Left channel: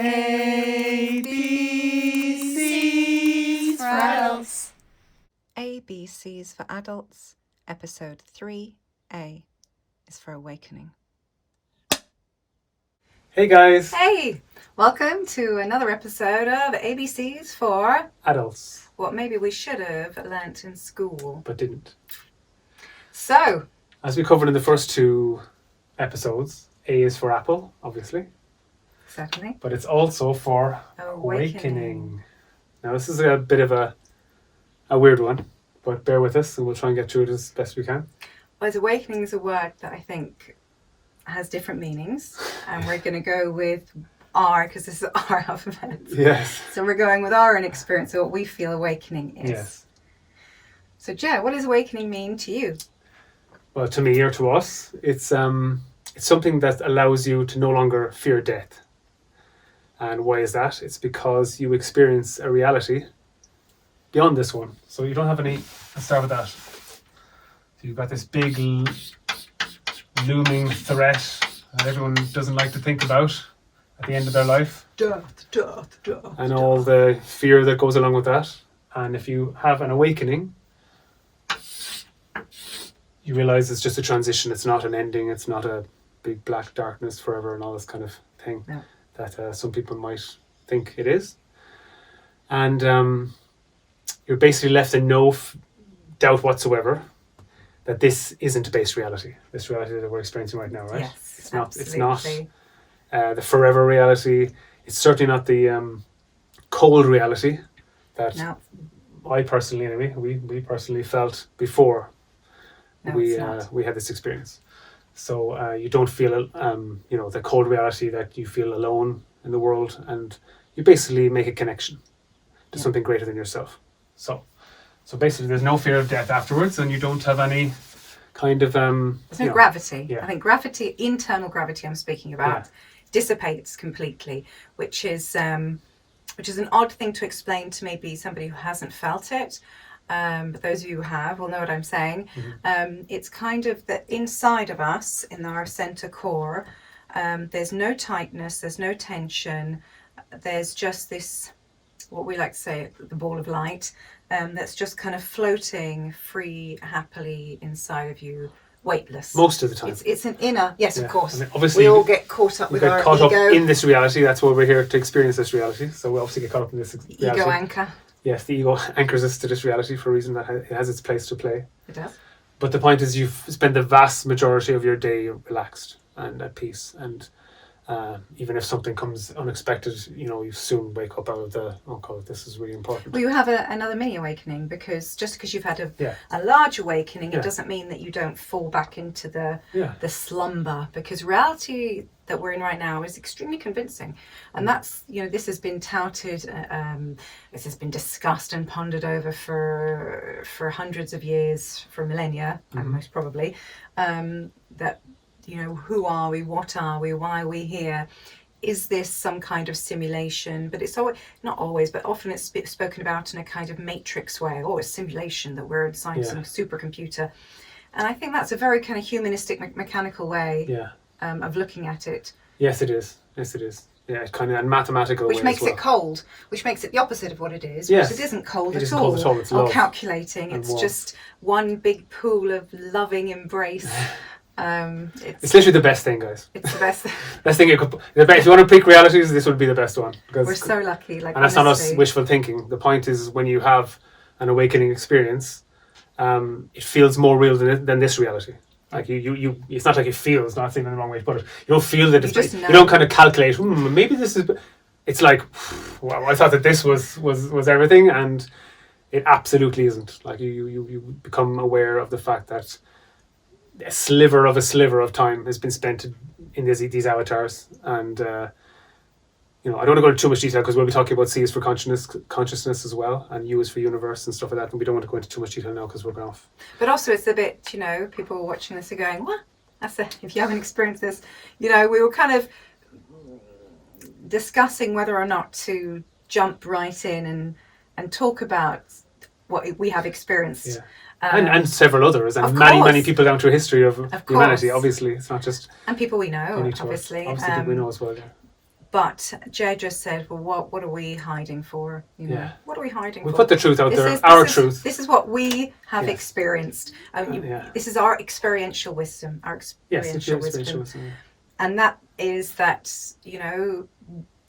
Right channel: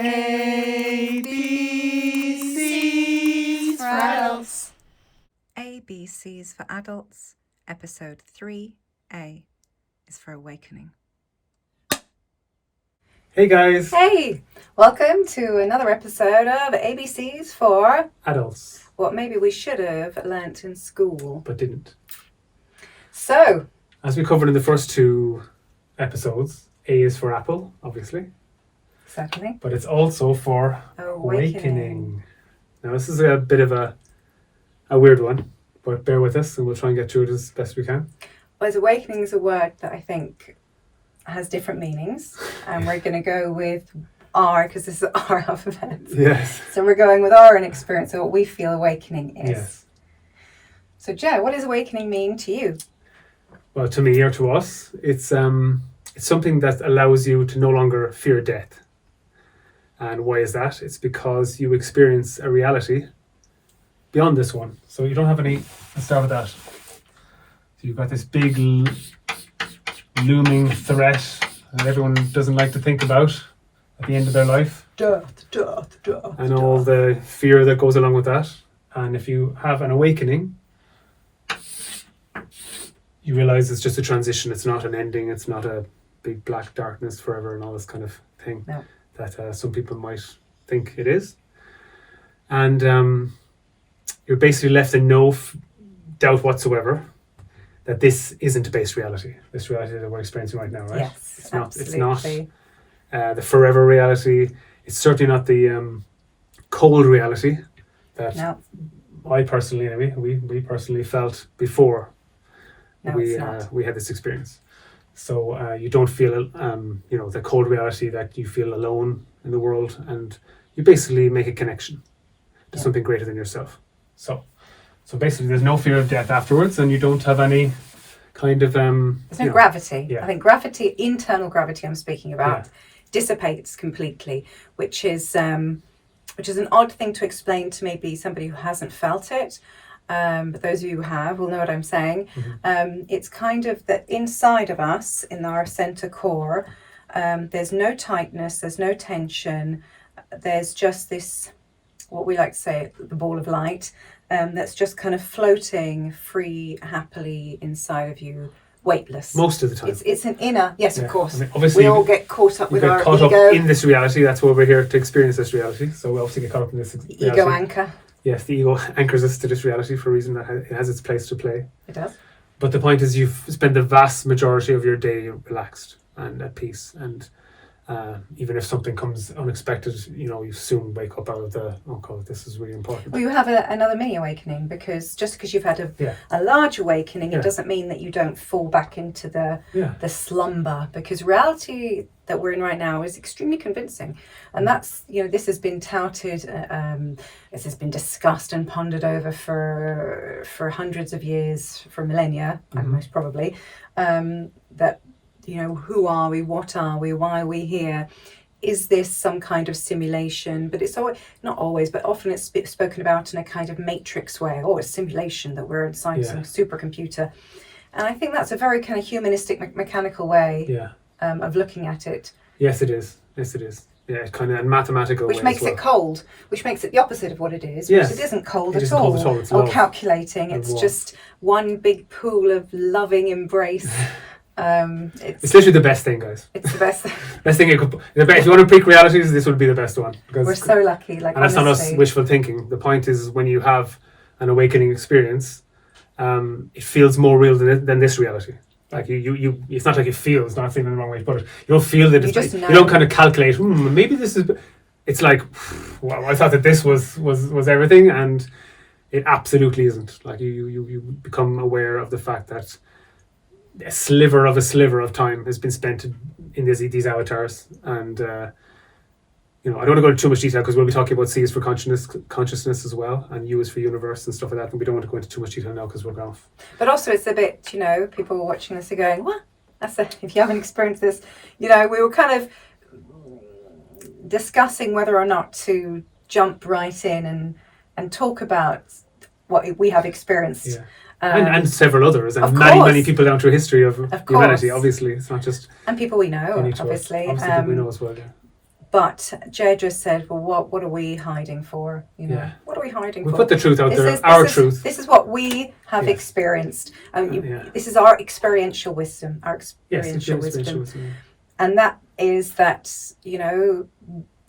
ABCs for Adults. ABCs for Adults, Episode 3A is for Awakening. Hey guys! Hey! Welcome to another episode of ABCs for Adults. What maybe we should have learnt in school. But didn't. So, as we covered in the first two episodes, A is for apple, obviously. Certainly. But it's also for awakening. Now this is a bit of a weird one, but bear with us and we'll try and get through it as best we can. Well, as awakening is a word that I think has different meanings, and we're going to go with R because this is our alphabet. Yes. So we're going with our own experience of what we feel awakening is. Yes. So Joe, what does awakening mean to you? Well, to me or to us, it's something that allows you to no longer fear death. And why is that? It's because you experience a reality beyond this one. So you don't have any... Let's start with that. So you've got this big looming threat that everyone doesn't like to think about at the end of their life. Death. And all the fear that goes along with that. And if you have an awakening, you realize it's just a transition. It's not an ending. It's not a big black darkness forever and all this kind of thing. No. That some people might think it is. And you're basically left in no doubt whatsoever that this isn't a base reality. This reality that we're experiencing right now, right? Yes, it's not. absolutely. It's not the forever reality. It's certainly not the cold reality that I personally, anyway, we personally felt before we had this experience. So you don't feel, the cold reality that you feel alone in the world, and you basically make a connection to something greater than yourself. So basically, there's no fear of death afterwards, and you don't have any kind of there's no gravity. Yeah. I think gravity, internal gravity, I'm speaking about, dissipates completely, which is an odd thing to explain to maybe somebody who hasn't felt it. But those of you who have will know what I'm saying. Mm-hmm. It's kind of that inside of us, in our center core, there's no tightness, there's no tension. There's just this, what we like to say, the ball of light, that's just kind of floating free, happily inside of you, weightless. Most of the time. It's an inner, of course. I mean, obviously, we all get caught up with our ego. Up in this reality. That's why we're here to experience this reality. So we obviously get caught up in this reality. Ego anchor. Yes, the ego anchors us to this reality for a reason that it has its place to play. It does. But the point is you've spent the vast majority of your day relaxed and at peace. And even if something comes unexpected, you soon wake up out of the, oh God, this is really important. Well, you have another mini awakening, because just because you've had a large awakening, it doesn't mean that you don't fall back into the slumber, because reality that we're in right now is extremely convincing. And that's, this has been touted, this has been discussed and pondered over for hundreds of years, for millennia, most probably, that, who are we, what are we, why are we here? Is this some kind of simulation? But it's not always, but often it's spoken about in a kind of matrix way, or a simulation that we're inside some supercomputer. And I think that's a very kind of humanistic, mechanical way of looking at it. Yes, it is. Yeah, kind of a mathematical which way makes it cold, which makes it the opposite of what it is. Yes. Which it isn't cold at all. It's or calculating. It's just one big pool of loving embrace. It's literally the best thing, guys. It's the best thing. Best thing if you want to pick realities, this would be the best one. We're so lucky. And that's not us wishful thinking. The point is, when you have an awakening experience, it feels more real than this reality. Like you it's not like you feel, it's not thinking the wrong way to put it. You don't feel that you don't kind of calculate, maybe this is, it's like, well, I thought that this was everything, and it absolutely isn't. Like you become aware of the fact that a sliver of time has been spent in these avatars, and I don't want to go into too much detail because we'll be talking about C is for consciousness as well, and U is for universe and stuff like that, and we don't want to go into too much detail now because we're off. But also it's a bit, people watching this are going, what? If you haven't experienced this, we were kind of discussing whether or not to jump right in and talk about what we have experienced. Yeah. And several others, and many people down through history of humanity. Obviously, it's not just and people we know, obviously people we know as well. Yeah. But Jay just said, well, what are we hiding for? You know, what are we hiding for? We put the truth out there, our truth. This is what we have experienced. This is our experiential wisdom, wisdom. And that is that, you know,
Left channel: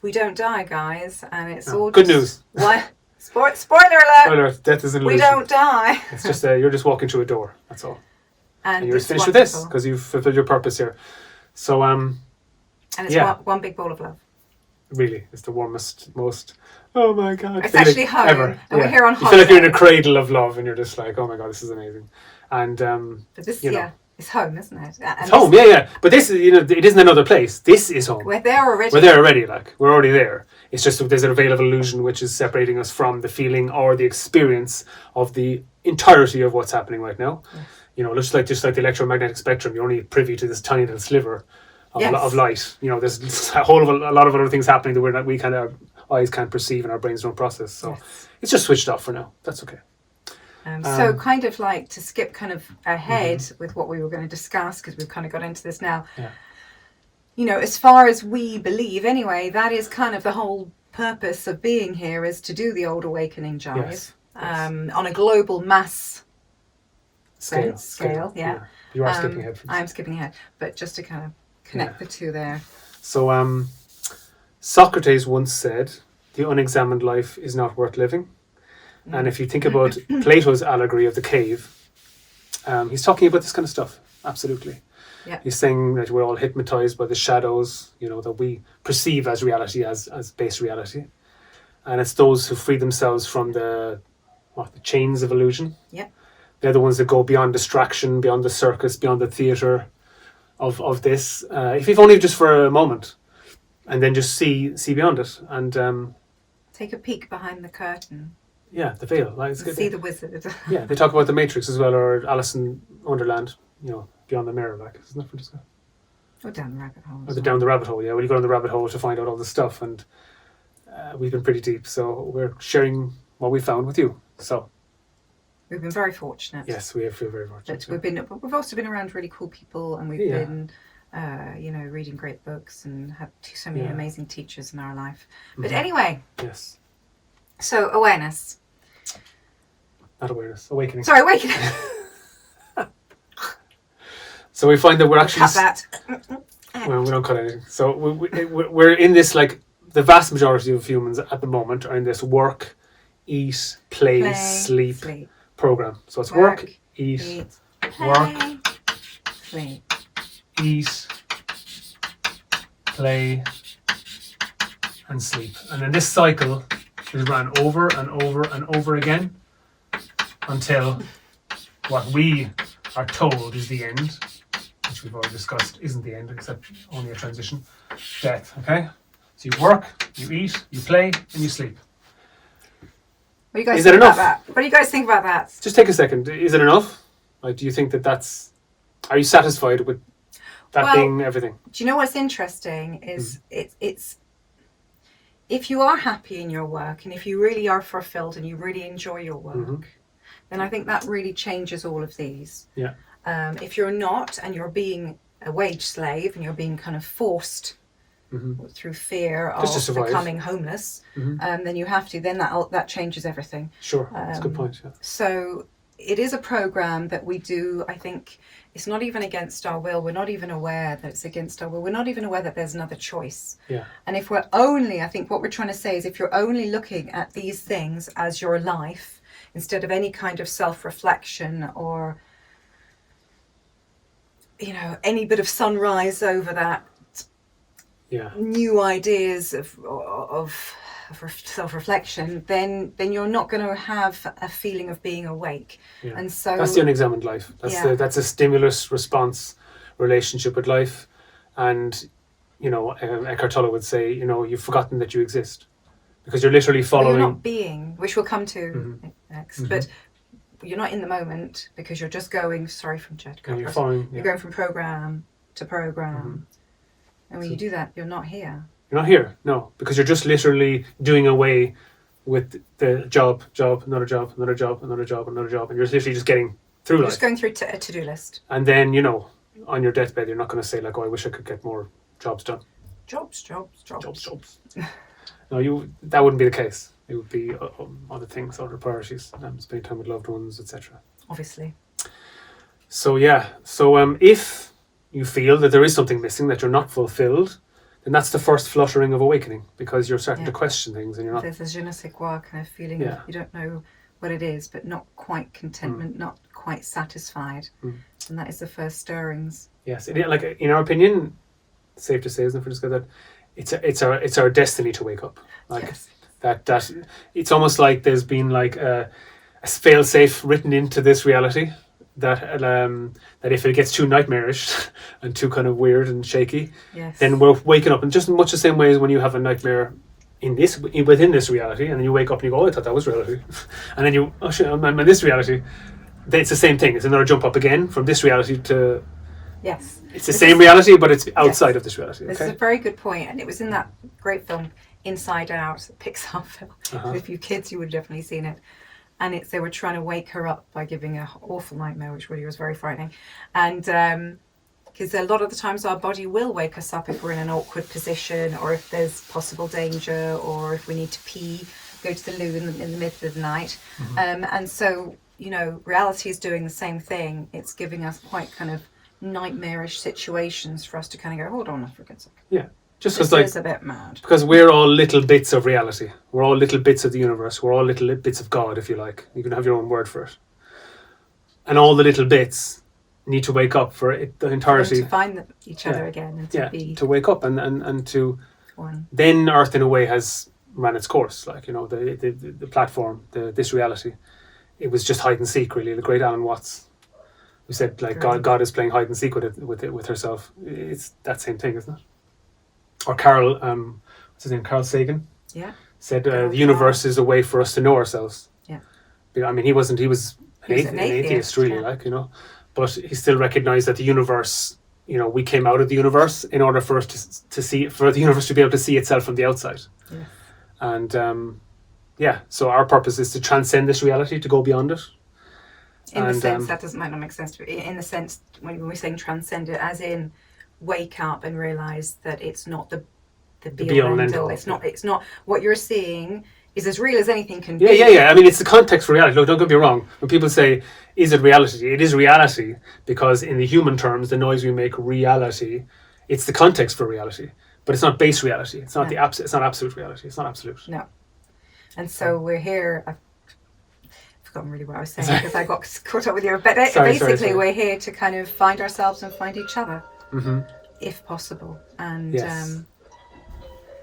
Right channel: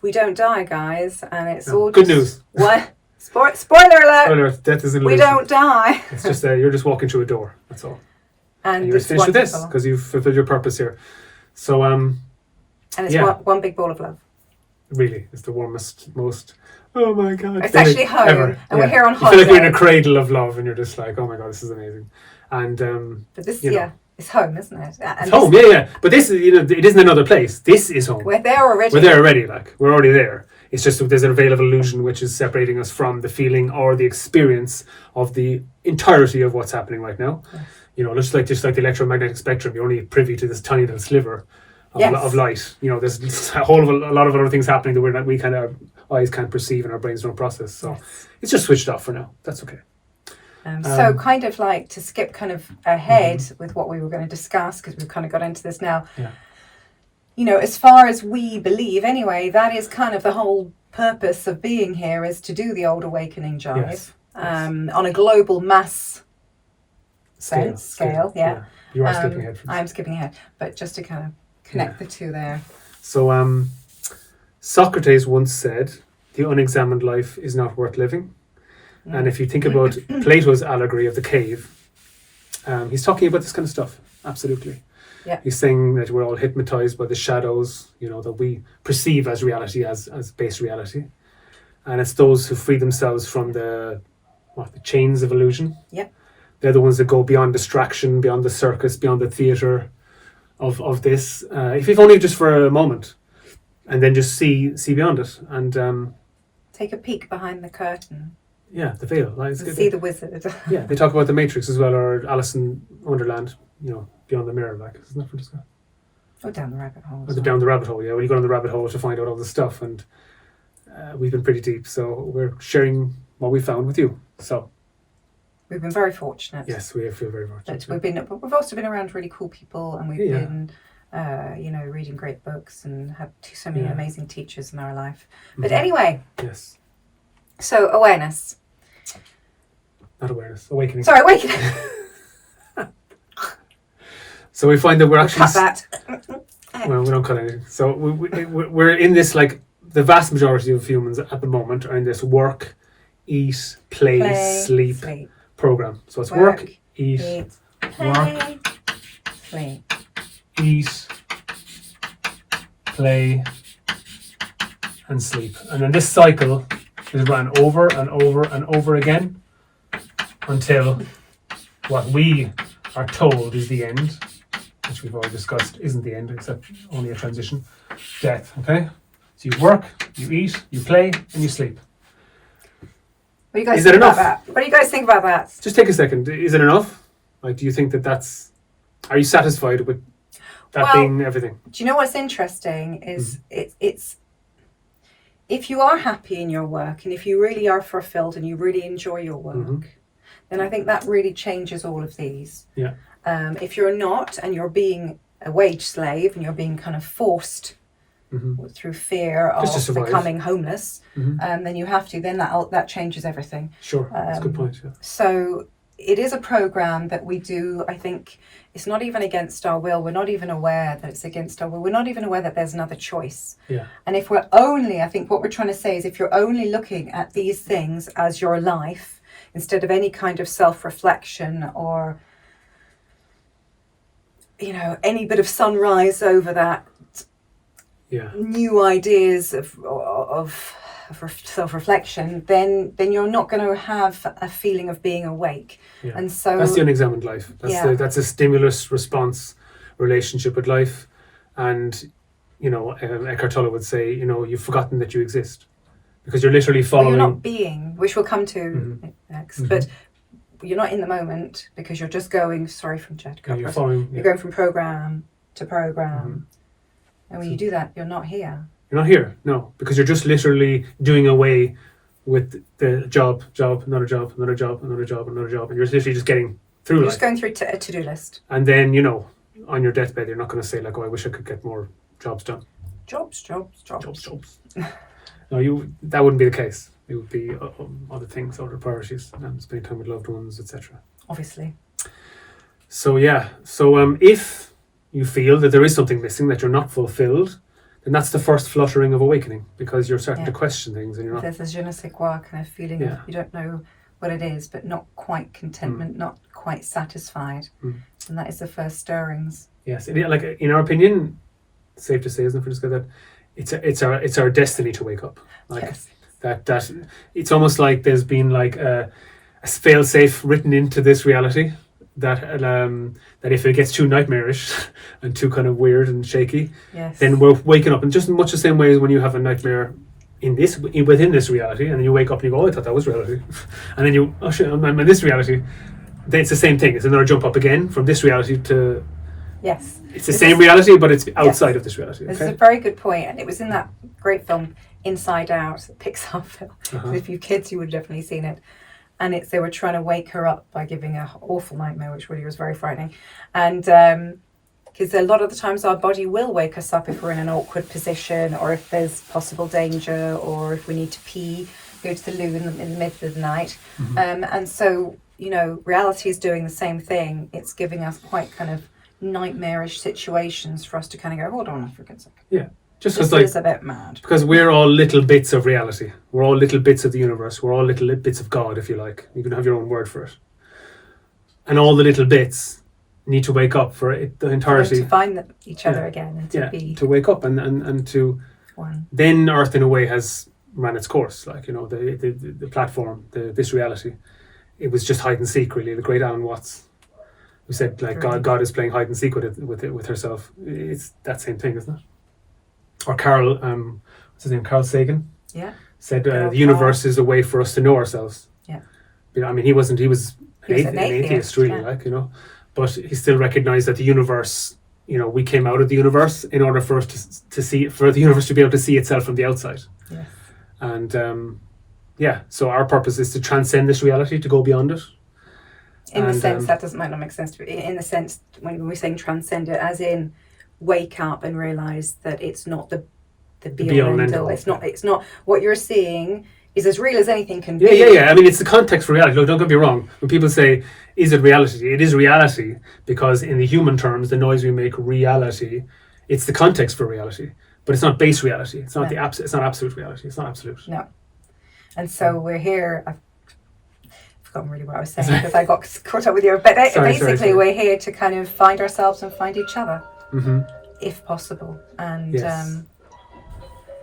we don't die, guys. And it's all good news. What? Spoiler alert. Death is an illusion. We don't die. It's just you're just walking through a door. That's all. And you're finished with this because you've fulfilled your purpose here. So and it's one big ball of love. Really, it's the warmest, most. Oh my God! It's actually home, ever. and we're here on holiday. You feel like you're in a cradle of love, and you're just like, oh my God, this is amazing. And but this, it's home, isn't it? And it's home, yeah. But this, you know, it isn't another place. This is home. We're there already. We're there already. Like we're already there. It's just there's a veil of illusion which is separating us from the feeling or the experience of the entirety of what's happening right now. Yes. You know, just like the electromagnetic spectrum, you're only privy to this tiny little sliver of light. You know, there's a lot of other things happening that we kind of eyes can't perceive and our brains don't process. So it's just switched off for now. That's okay. So kind of like to skip kind of ahead with what we were going to discuss, because we've kind of got into this now. Yeah. You know, as far as we believe anyway, that is kind of the whole purpose of being here, is to do the old awakening jive. Yes. On a global mass scale. Yeah. You are skipping ahead. I'm skipping ahead, but just to kind of connect the two there. So Socrates once said, the unexamined life is not worth living. And if you think about Plato's allegory of the cave, he's talking about this kind of stuff. Absolutely. Yeah. He's saying that we're all hypnotized by the shadows, you know, that we perceive as reality, as base reality. And it's those who free themselves from the chains of illusion. Yeah. They're the ones that go beyond distraction, beyond the circus, beyond the theatre of this. If only just for a moment, and then just see beyond it. And take a peek behind the curtain. Yeah, the veil. Like, see the wizard. Yeah, they talk about the Matrix as well, or Alice in Wonderland, you know, beyond the mirror, like, isn't that for discuss? Or down the rabbit hole. Or down the rabbit hole, yeah. When you go down the rabbit hole to find out all this stuff, and we've been pretty deep, so we're sharing what we found with you. So we've been very fortunate. Yes, we feel very fortunate. We've also been around really cool people, and we've been, reading great books and had so many amazing teachers in our life. But anyway. Yes. So awareness. Not awareness, awakening. Sorry, awakening. So we find that we're actually... Cut that. Well, we don't cut anything. So we're in this, like, the vast majority of humans at the moment are in this work, eat, play, sleep program. So it's work, eat, play, sleep. Eat, play, and sleep. And then this cycle is run over and over and over again until what we are told is the end, which we've already discussed isn't the end, except only a transition. Death, okay? So you work, you eat, you play, and you sleep. What do you guys think about that? What do you guys think about that? Just take a second. Is it enough? Like, do you think that's... Are you satisfied with that being everything? Do you know what's interesting is it's if you are happy in your work and if you really are fulfilled and you really enjoy your work, then I think that really changes all of these. Yeah. If you're not, and you're being a wage slave and you're being kind of forced through fear of becoming homeless, then you have to. Then that changes everything. Sure, that's a good point. Yeah. So it is a program that we do. I think it's not even against our will. We're not even aware that it's against our will. We're not even aware that there's another choice. Yeah. And if we're only, I think what we're trying to say is, if you're only looking at these things as your life, instead of any kind of self-reflection or, you know, any bit of sunrise over that, new ideas of self-reflection, then you're not going to have a feeling of being awake. Yeah. And so that's the unexamined life. That's a stimulus response relationship with life. And, you know, Eckhart Tolle would say, you know, you've forgotten that you exist because you're literally following. Well, you're not being, which we'll come to next, but you're not in the moment because you're just going. Sorry from Jed. You're following. You're going from program to program, and when you do that, you're not here. You're not here, no, because you're just literally doing away with the job, another job, another job, another job, another job, and you're literally just getting through life. Just going through a to-do list. And then, you know, on your deathbed, you're not going to say like, "Oh, I wish I could get more jobs done." Jobs. No, that wouldn't be the case. It would be other things, other priorities, spending time with loved ones, etc. Obviously. So if you feel that there is something missing, that you're not fulfilled, then that's the first fluttering of awakening, because you're starting to question things, and you're not. There's a je ne sais quoi kind of feeling of you don't know what it is, but not quite contentment, not quite satisfied, and that is the first stirrings. Yes, and like in our opinion, safe to say, isn't it, Francisca, that it's our destiny to wake up. Like that it's almost like there's been like a fail-safe written into this reality that if it gets too nightmarish and too kind of weird and shaky, then we're waking up in just much the same way as when you have a nightmare within this reality, and then you wake up and you go, oh, I thought that was reality, and then you, oh shit, I'm in this reality. Then it's the same thing. It's another jump up again from this reality to. Yes. It's the same reality, but it's outside of this reality. This is a very good point, and it was in that great film Inside Out, Pixar film. So if you kids, you would have definitely seen it. And they were trying to wake her up by giving her awful nightmare, which really was very frightening. And because a lot of the times our body will wake us up if we're in an awkward position, or if there's possible danger, or if we need to pee, go to the loo in the middle of the night. And so, reality is doing the same thing. It's giving us quite kind of nightmarish situations for us to kind of go, hold on for a good second. Yeah. Just this is a bit mad. Because we're all little bits of reality. We're all little bits of the universe. We're all little bits of God, if you like. You can have your own word for it. And all the little bits need to wake up for the entirety. To find each other again and to wake up and to one. Then Earth in a way has ran its course. Like, the platform, this reality. It was just hide and seek, really. The great Alan Watts, who said, like, God is playing hide and seek with herself. It's that same thing, isn't it? Or Carl, what's his name? Carl Sagan. Yeah. Said the universe is a way for us to know ourselves. Yeah. I mean, he was an atheist, really, but he still recognized that the universe, we came out of the universe in order for us to see, for the universe to be able to see itself from the outside. Yeah. And so our purpose is to transcend this reality, to go beyond it. In the sense that might not make sense to me. In the sense when we're saying transcend it, as in wake up and realize that it's not the be all and end all. It's not what you're seeing is as real as anything can be. Yeah. I mean, it's the context for reality. Look, don't get me wrong. When people say, is it reality? It is reality, because in the human terms, the noise we make reality, it's the context for reality. But it's not base reality. It's not it's not absolute reality. It's not absolute. No. And so we're here. I've forgotten really what I was saying because I got caught up with you. But basically, we're here to kind of find ourselves and find each other, if possible. And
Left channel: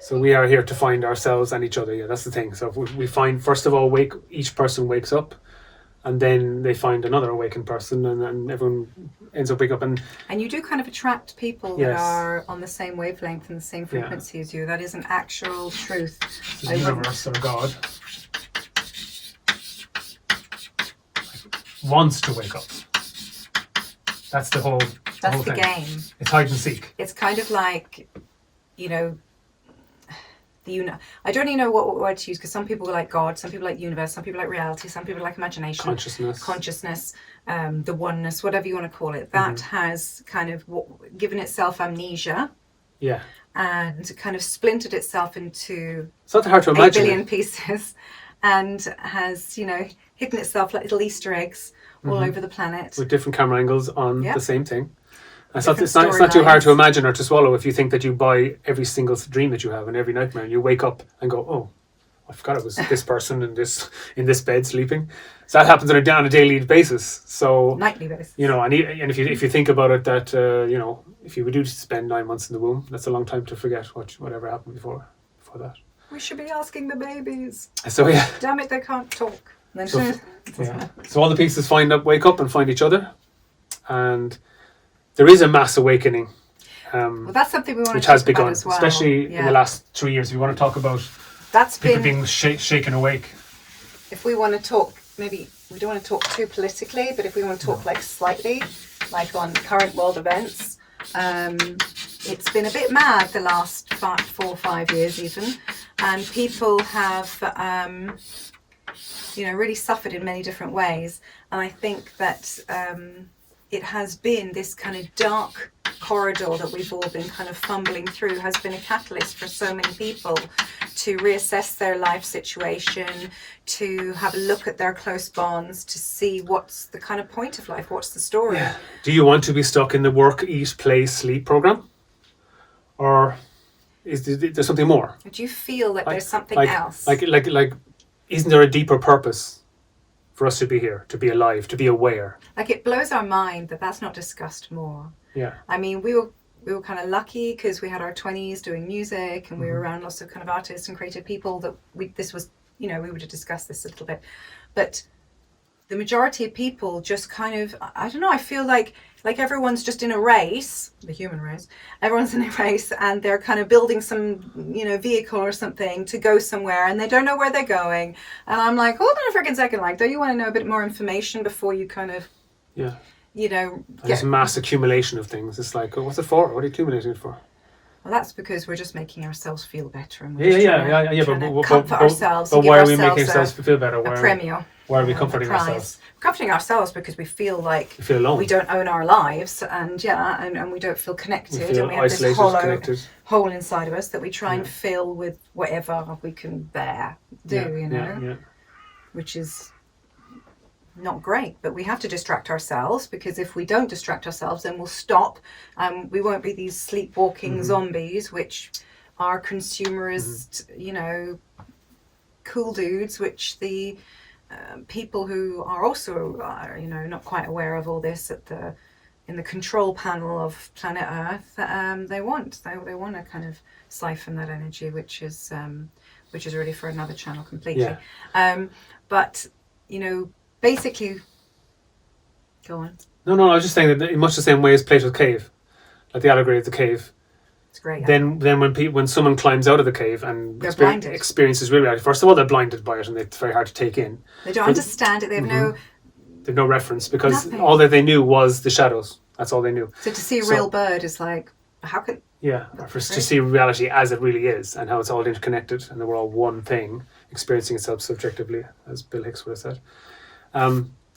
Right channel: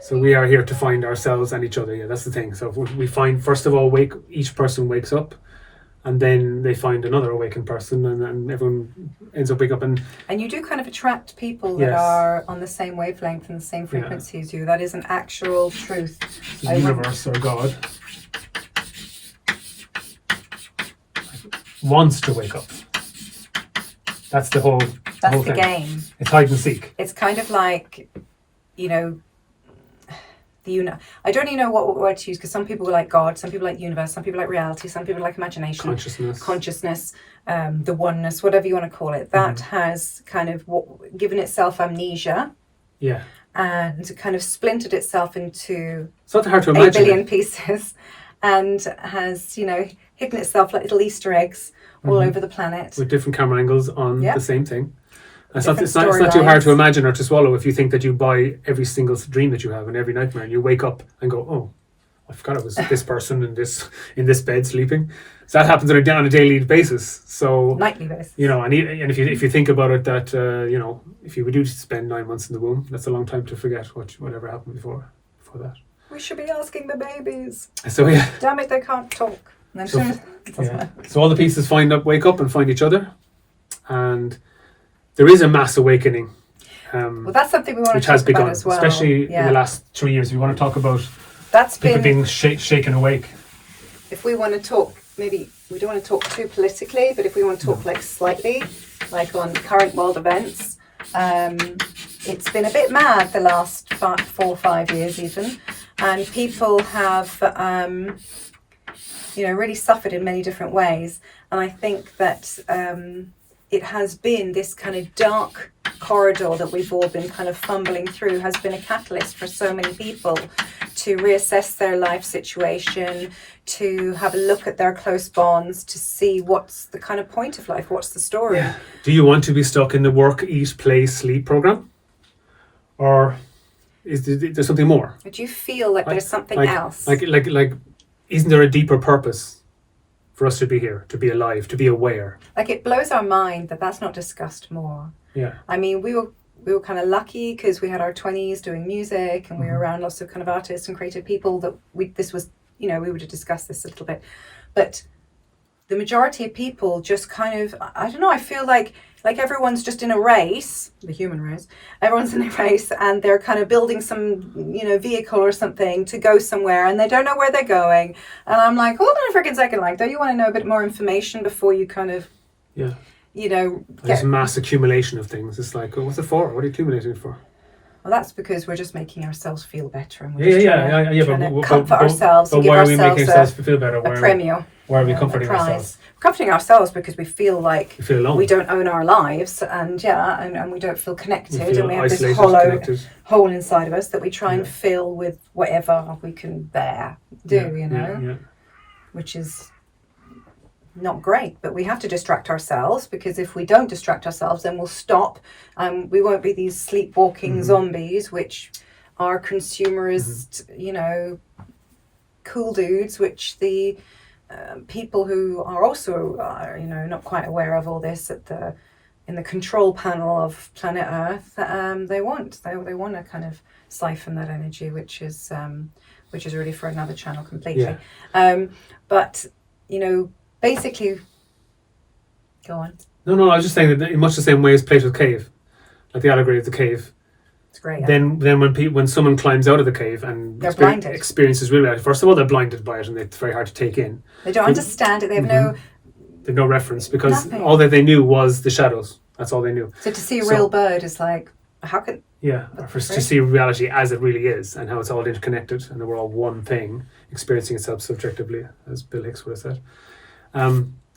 so we are here to find ourselves and each other. Yeah, that's the thing. So we find, first of all, each person wakes up, and then they find another awakened person, and everyone ends up waking up. And you do kind of attract people that are on the same wavelength and the same frequency as you. That is an actual truth. The universe or God wants to wake up. That's the whole. That's the game. It's hide and seek. It's kind of like, I don't even know what word to use, because some people like God, some people like universe, some people like reality, some people like imagination, consciousness, the oneness, whatever you want to call it. That has kind of given itself amnesia. Yeah. And kind of splintered itself into it's not hard to imagine 8 billion pieces, and has, hidden itself like little Easter eggs all over the planet. With different camera angles on the same thing. It's not too hard to imagine or to swallow if you think that you buy every single dream that you have and every nightmare, and you wake up and go, oh, I forgot it was this person in this bed sleeping. So that happens on a daily basis. So nightly basis. And if you think about it, that if you do spend 9 months in the womb, that's a long time to forget whatever happened before that. We should be asking the babies. So yeah. Damn it, they can't talk. So all the pieces wake up and find each other, and there is a mass awakening. Well, that's something we want which to talk has begun, about as well. Especially in the last 3 years. We want to talk about people being shaken awake. If we want to talk, maybe we don't want to talk too politically, but if we want to talk slightly, like on current world events, it's been a bit mad the last 4 or 5 years even, and people have really suffered in many different ways. And I think that it has been this kind of dark corridor that we've all been kind of fumbling through has been a catalyst for so many people to reassess their life situation, to have a look at their close bonds, to see what's the kind of point of life, what's the story. Yeah. Do you want to be stuck in the work, eat, play, sleep program? Or is there something more? Do you feel that there's something else? Like, isn't there a deeper purpose for us to be here, to be alive, to be aware? Like, it blows our mind that that's not discussed more. Yeah. I mean, we were kind of lucky because we had our 20s doing music, and we were around lots of kind of artists and creative people that we would have discussed this a little bit. But the majority of people just kind of, I don't know, I feel like everyone's just in a race, the human race, everyone's in a race, and they're kind of building some, vehicle or something to go somewhere, and they don't know where they're going. And I'm like, hold on a freaking second, like, don't you want to know a bit more information before you kind of, There's mass accumulation of things. It's like, what's it for? What are you accumulating it for? Well, that's because we're just making ourselves feel better, and we're trying to comfort ourselves and give why are we making ourselves a, feel better? a premio. Why are we comforting ourselves? We're comforting ourselves because we feel like we feel alone. We don't own our lives, and we don't feel connected, and we have this hole inside of us that we try and fill with whatever we can bear, which is not great. But we have to distract ourselves, because if we don't distract ourselves, then we'll stop. We won't be these sleepwalking zombies, which are consumerist, cool dudes, which the people who are also not quite aware of all this in the control panel of planet Earth, they want to kind of siphon that energy, which is really for another channel completely. But basically, go on. No, I was just saying that in much the same way as Plato's cave, like the allegory of the cave. It's great. Then when someone climbs out of the cave and experiences real reality, first of all, they're blinded by it, and it's very hard to take in. They don't understand it. They have no reference, because all that they knew was the shadows. That's all they knew. So to see a real bird is like, how could... Yeah, to see reality as it really is, and how it's all interconnected, and that we're all one thing, experiencing itself subjectively, as Bill Hicks would have said.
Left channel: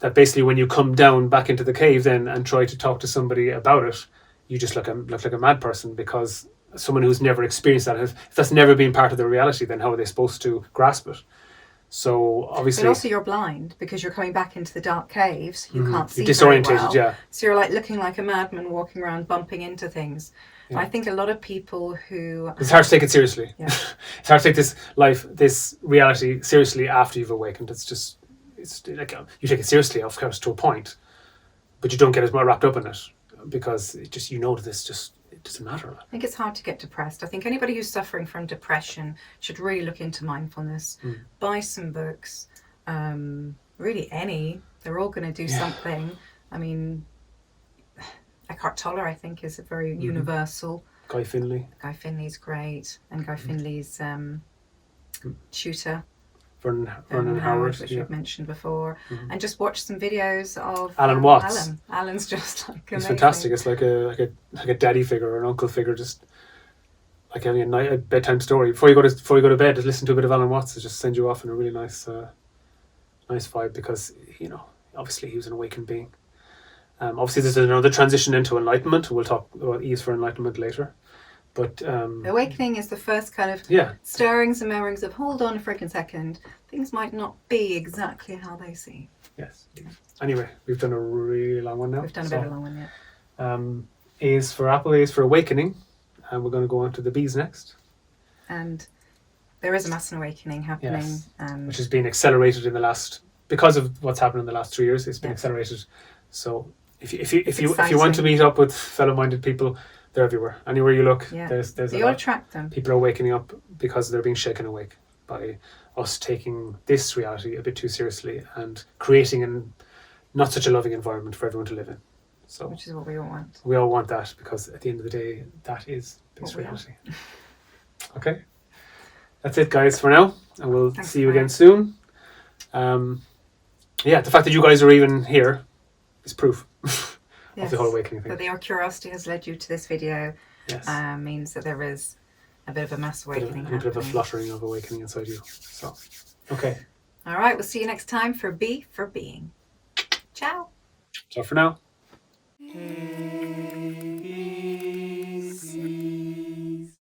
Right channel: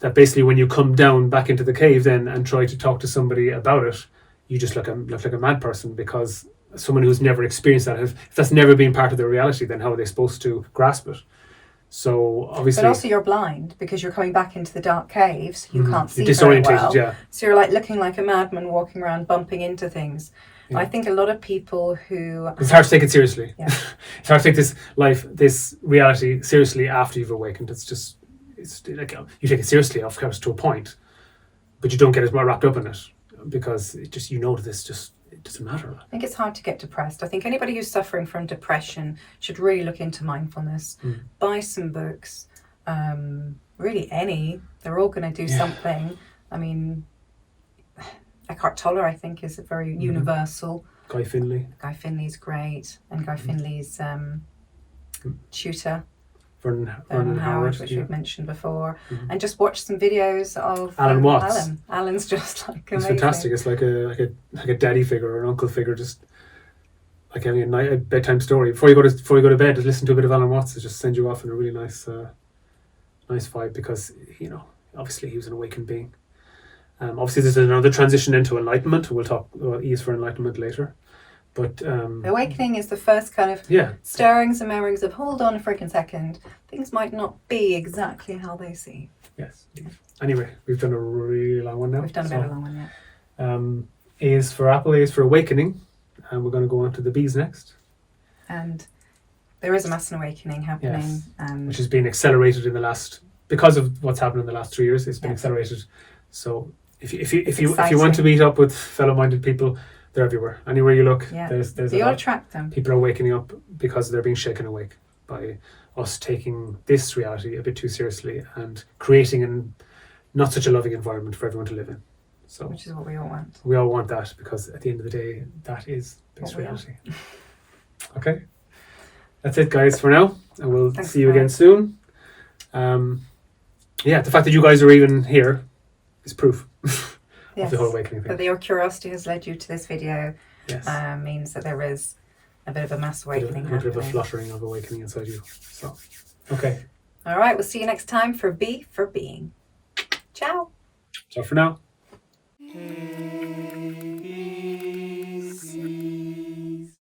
That basically when you come down back into the cave then and try to talk to somebody about it, you just look like a mad person, because someone who's never experienced that, if that's never been part of their reality, then how are they supposed to grasp it? So obviously, but also you're blind because you're coming back into the dark caves. You can't see you're very disorientated, well. yeah. So you're like looking like a madman walking around bumping into things. Yeah. I think a lot of people who... It's hard to take it seriously. Yeah. It's hard to take this reality seriously after you've awakened. It's like you take it seriously, of course, to a point, but you don't get as well wrapped up in it, because it just, that this just, it doesn't matter. I think it's hard to get depressed. I think anybody who's suffering from depression should really look into mindfulness, buy some books, really any. They're all going to do something. I mean, Eckhart Tolle, I think, is a very universal. Guy Finley's great, and Guy Finley's tutor. Vernon Howard, which we've mentioned before, and just watch some videos of Alan Watts. Alan's just like amazing. It's fantastic. It's like a daddy figure or an uncle figure, just like having a bedtime story before you go to bed. Just listen to a bit of Alan Watts. It just send you off in a really nice vibe, because obviously he was an awakened being. Obviously, there's another transition into enlightenment. We'll talk about ease for enlightenment later. But awakening is the first kind of stirrings and memories of, hold on a freaking second, things might not be exactly how they seem. Yes. Anyway, we've done a really long one now. We've done a very long one, yeah. A is for apple, A is for awakening, and we're going to go on to the B's next. And there is a mass awakening happening, which has been accelerated because of what's happened in the last 3 years. It's been accelerated. So if you want to meet up with fellow-minded people, they're everywhere. Anywhere you look, there's you'll attract them. People are wakening up because they're being shaken awake by us taking this reality a bit too seriously and creating not such a loving environment for everyone to live in. So, which is what we all want. We all want that, because at the end of the day, that is this reality. Okay, that's it, guys, for now, and we'll see you again soon. The fact that you guys are even here is proof. Of the whole awakening thing. That your curiosity has led you to this video means that there is a bit of a mass awakening happening. A bit of a fluttering of awakening inside you. So, okay. All right, we'll see you next time for B for Being. Ciao. Ciao for now. taking